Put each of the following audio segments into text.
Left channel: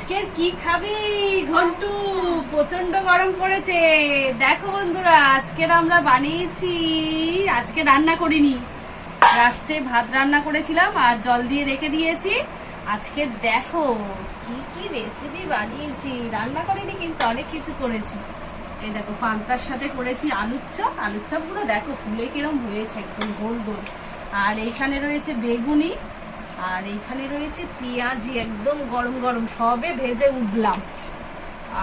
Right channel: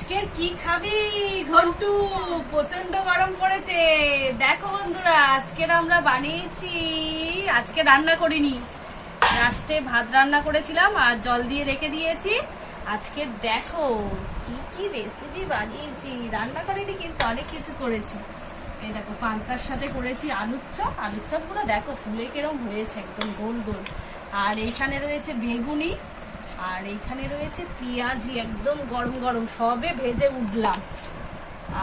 আজকে কি খাবি ঘন্টু? প্রচন্ড গরম পড়েছে। দেখো বন্ধুরা, আজকের আমরা বানিয়েছি, আজকে রান্না করিনি, রাতে ভাত রান্না করেছিলাম আর জল দিয়ে রেখে দিয়েছি। আজকে দেখো কি কি রেসিপি বানিয়েছি, রান্না করিনি কিন্তু অনেক কিছু করেছি। এই দেখো পান্তার সাথে করেছি আলুর চপ। আলুর চপ গুলো দেখো ফুলে কিরম হয়েছে, একদম গোল গোল। আর এইখানে রয়েছে বেগুনি, আর এইখানে রয়েছে পেঁয়াজি, একদম গরম গরম, সবে ভেজে উঠলাম।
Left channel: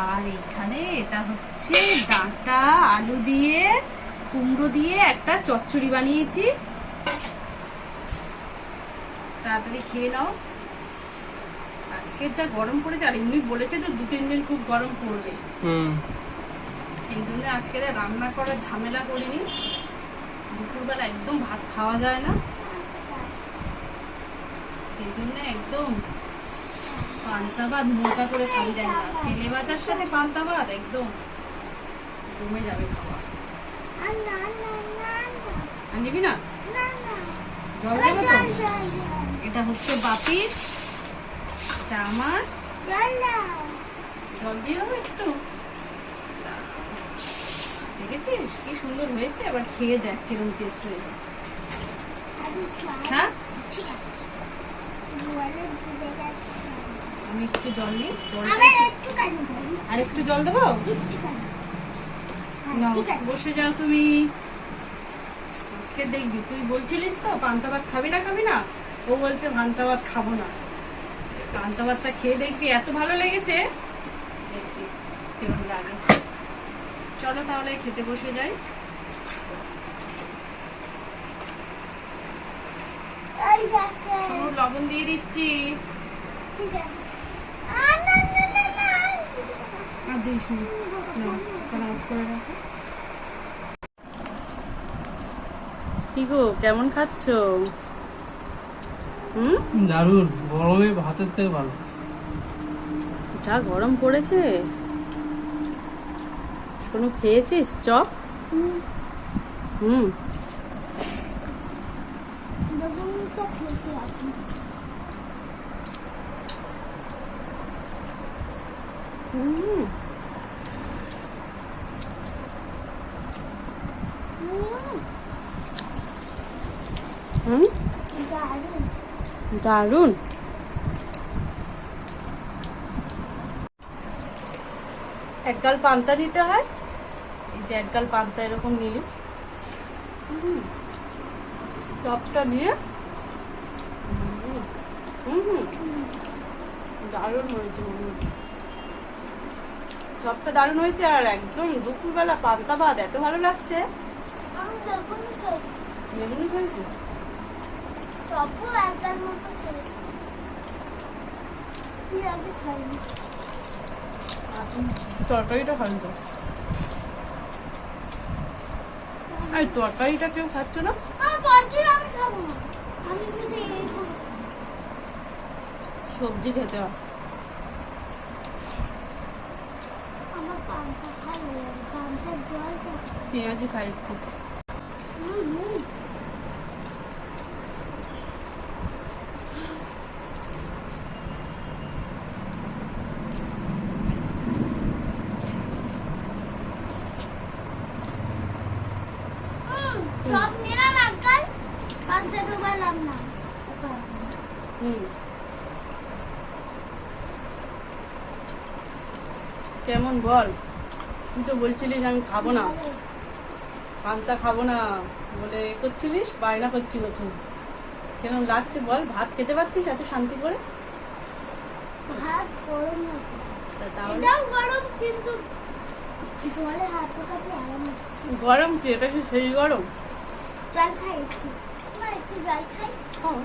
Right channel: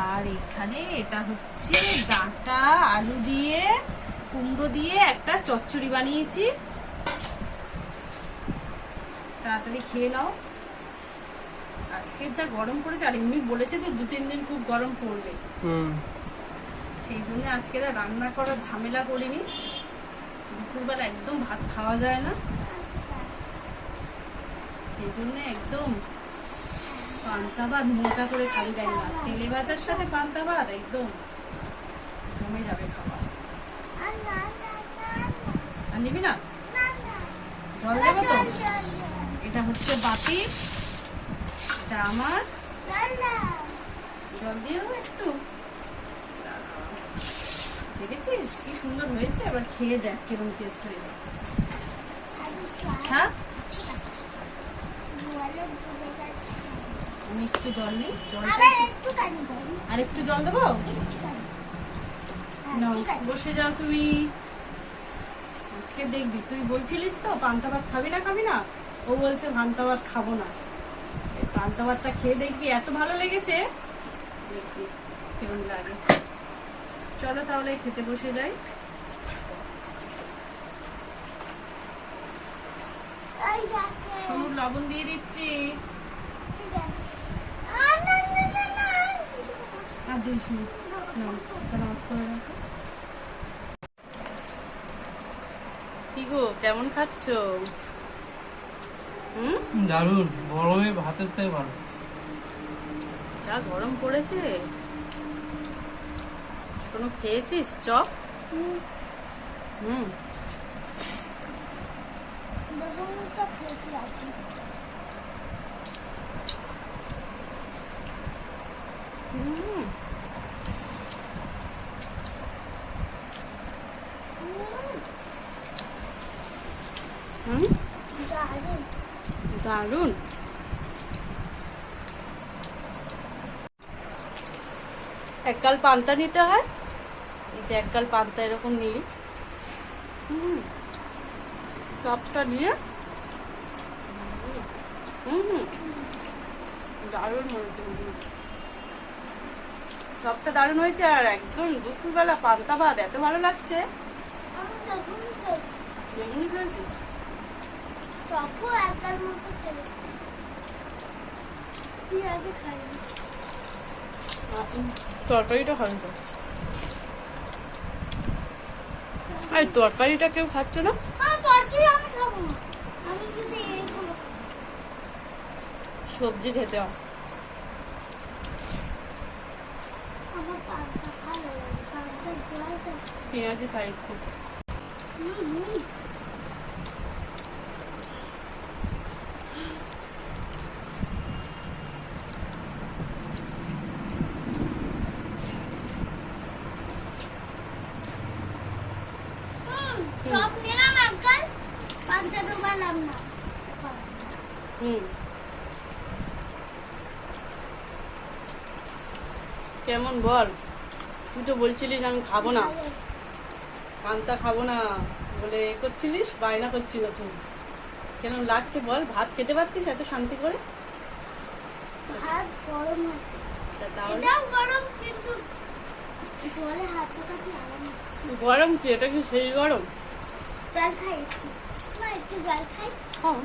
আর এইখানে এটা হচ্ছে ডাঁটা আলু দিয়ে কুমড়ো দিয়ে একটা চচ্চড়ি বানিয়েছি। তাড়াতাড়ি খেয়ে নাও। আজকের যা গরম পড়েছে, আর এমনি বলেছে তো 2-3 দিন খুব গরম পড়বে, সেই জন্য আজকে রান্না করার ঝামেলা করিনি। দুপুরবেলা একদম ভাত খাওয়া যায় না, সেই জন্য একদম পান্তা ভাত মজা করে খাবি। দেখ না, তেলে ভাজার সাথে পান্তা ভাত একদম জমে যাবে খাওয়া। আর নিবি না? জল দেবো তো। এটা হচ্ছে বাপির, এটা আমার। জল দিয়ে দেবো একটু। দেখেছিস কি সুন্দর হয়েছে? এবার খেয়ে দেখ কিরকম টেস্ট হয়েছে। হ্যাঁ, আমি একটু জল নিই, আর একটু জল দেবো। বসে যাও তুমি। আজকে দেখবি, তুই বলছিলিস তো পান্তা ভাত খাবি না, ও বলছে পান্তা ভাত খাবো না। পান্তা ভাতটা খেয়ে দেখবি, এত ভালো লেগেছে, দেখবি কেমন লাগে। চলো তাহলে খেতে বসে যাই। শুধু লবণ দিয়ে দিচ্ছি। কি গো, কেমন খাচ্ছ? দারুন, গরমে ভাতের থেকে ভালো। যা গরম পড়েছে। শোনো, খেয়েছিস চপ? দারুন। একগাল পান্তা নিতে হয়, এই যে একগাল পান্তা এরকম নিলি, চপটা দিয়ে দারুণ হয়েছে। চপটা দারুণ হয়েছে, আর একদম দুপুরবেলা পান্তা ভাত এত ভালো লাগছে। বেগুনি খেয়েছি, তরকারিটা খাই তো। এই তরকারিটা কেউ খাচ্ছে না। সবজি খেতে হয়। পেঁয়াজি খাই একটু। কেমন বল? তুই তো বলছিলিস আমি খাবো না, পান্তা খাবো না বলে করছিলিস, বায়না করছিল। তুই কেমন লাগছে বল? ভাত খেতে পারছিস এত শান্তি করে? ভাত গরম আছে, গরম, কিন্তু জলে হাতের কাছে আরাম হচ্ছে। গরম কি? এটা কি সেই গরম? জল খাই একটু, একটু জল খাই। হ্যাঁ।